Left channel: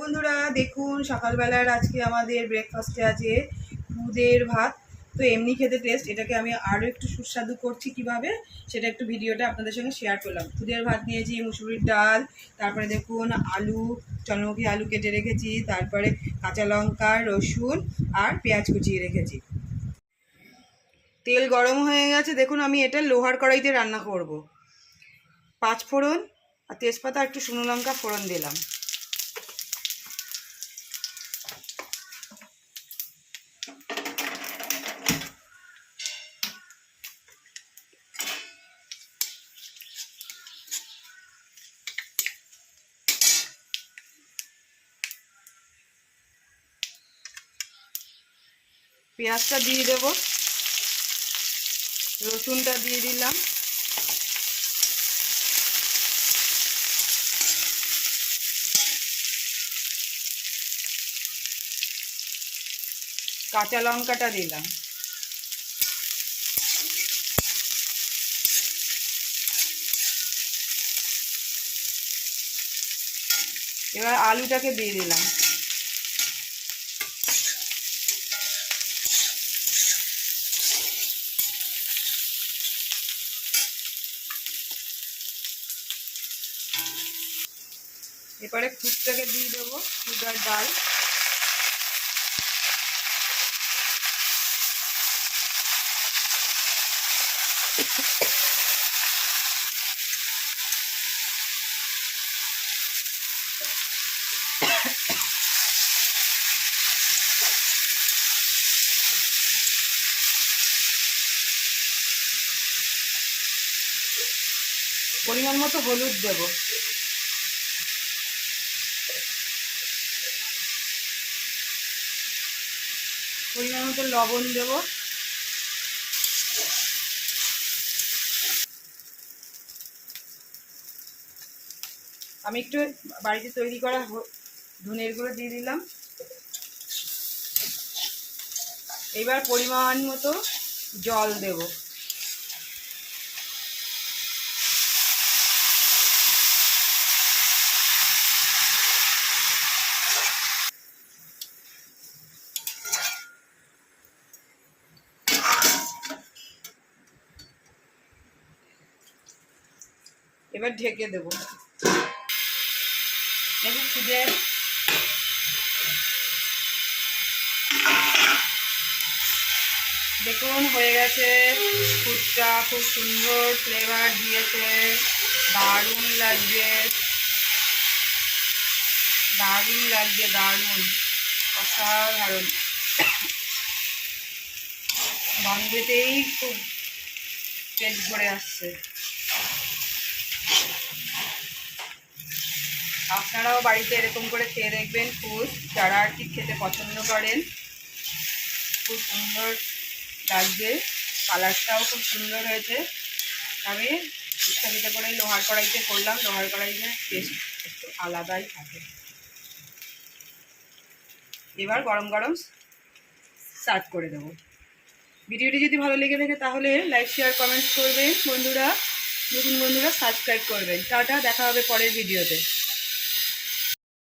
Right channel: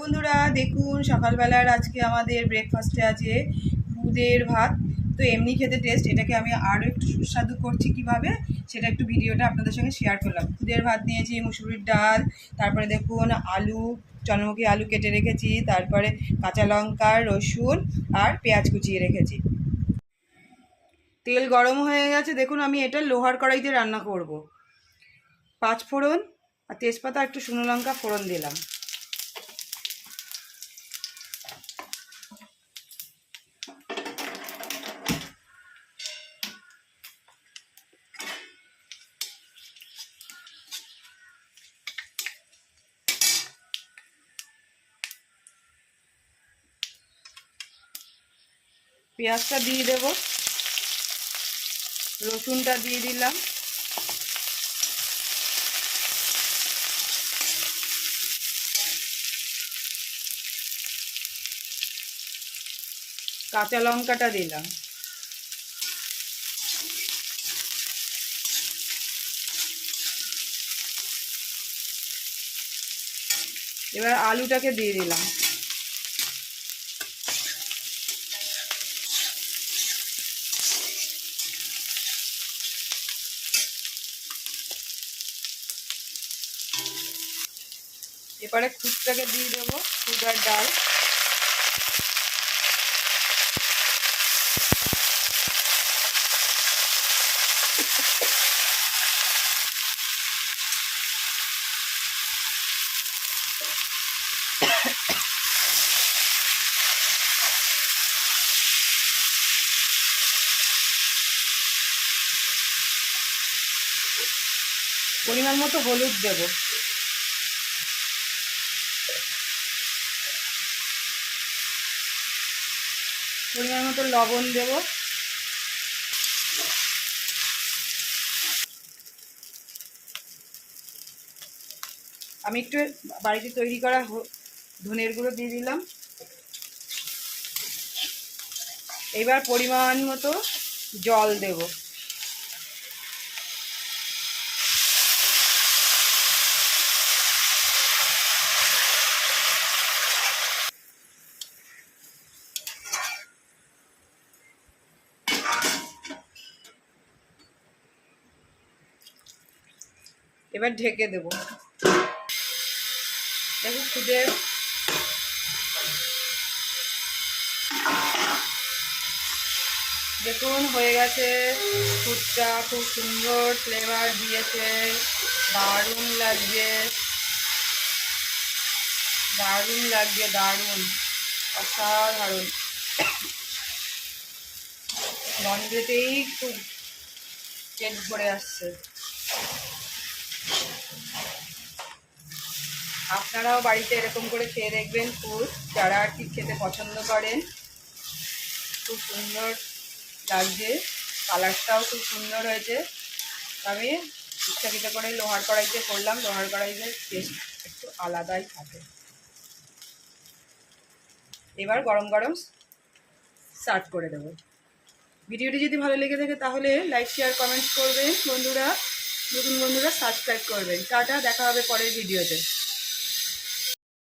বন্ধুরা দেখুন, সকালবেলার আজকে আমাদের ব্রেকফাস্টে আছে দুধের ভাত। তো এমনি খেতে টেস্ট, এটাকে আমি আরও একটু সুস্বাদু করছি কিভাবে, সেটা একটু ভিডিওটা আপনাদের সঙ্গে শেয়ার করলাম। দুধের ভাত নিয়েছি, মুসুরির ডাল, তারপরে দেখুন আলু, চন্দ্রমুখী আলু কেটে রেখেছি, তারপরে কাঁচা লঙ্কা, রসুন আর পেঁয়াজ কুচিয়ে রেখেছি। তেল গরম হয়ে গেছে, দেখুন আমি এটা লোহার কড়াইতে রান্না করব। 5 ফোড়ন আর তেজপাতা, একটু শুকনো লঙ্কা ফোড়ন দিলাম। পেঁয়াজটা দিয়ে দেব, রসুনটা দিয়ে দিলাম, কাঁচা লঙ্কাটা দিলাম, এবার আলুটাকে দিয়ে দিলাম। এবারে খুদটাকে দিয়ে দেবো, খুদ আর ডাল। পরিমাণ মতো হলুদ দেব, পরিমাণ মতো লবণ দেব, আমি একটু বাড়িতে তৈরি করা ধনের গুঁড়ো দিয়ে দিলাম। এবার পরিমাণ মতো জল দেব। এবার ঢেকে দেব। দেখুন খুদের দেখুন হয়ে গেছে, খুদটা খুব সুন্দর ফ্লেভার দিয়েছে, দারুণ লাগছে, দারুণ লাগছে, দারুণ অসাধারণ। গন্ধেতেই খুব পেট ভরে আসছে। আপনারাও বাড়িতে এরকম করে খেয়ে দেখবেন খুদ, যারা আর কি খেতে পছন্দ করেন। খুব সুন্দর লাগছে, কালারটাও খুব সুন্দর হয়েছে। আমি ইচ্ছাকৃত করে লোহার কড়াইতে করলাম, লোহার কড়াইতে টেস্ট একটু আলাদাই থাকে। এবার গরম গরম সার্ভ করে দেবো। ভিডিওটি যদি ভালো লেগে থাকে তাহলে লাইক শেয়ার কমেন্টস করবেন বন্ধুরা, নতুন বন্ধুরা সাবস্ক্রাইব করবেন। টাটা, দেখা হবে পরের ভিডিওতে।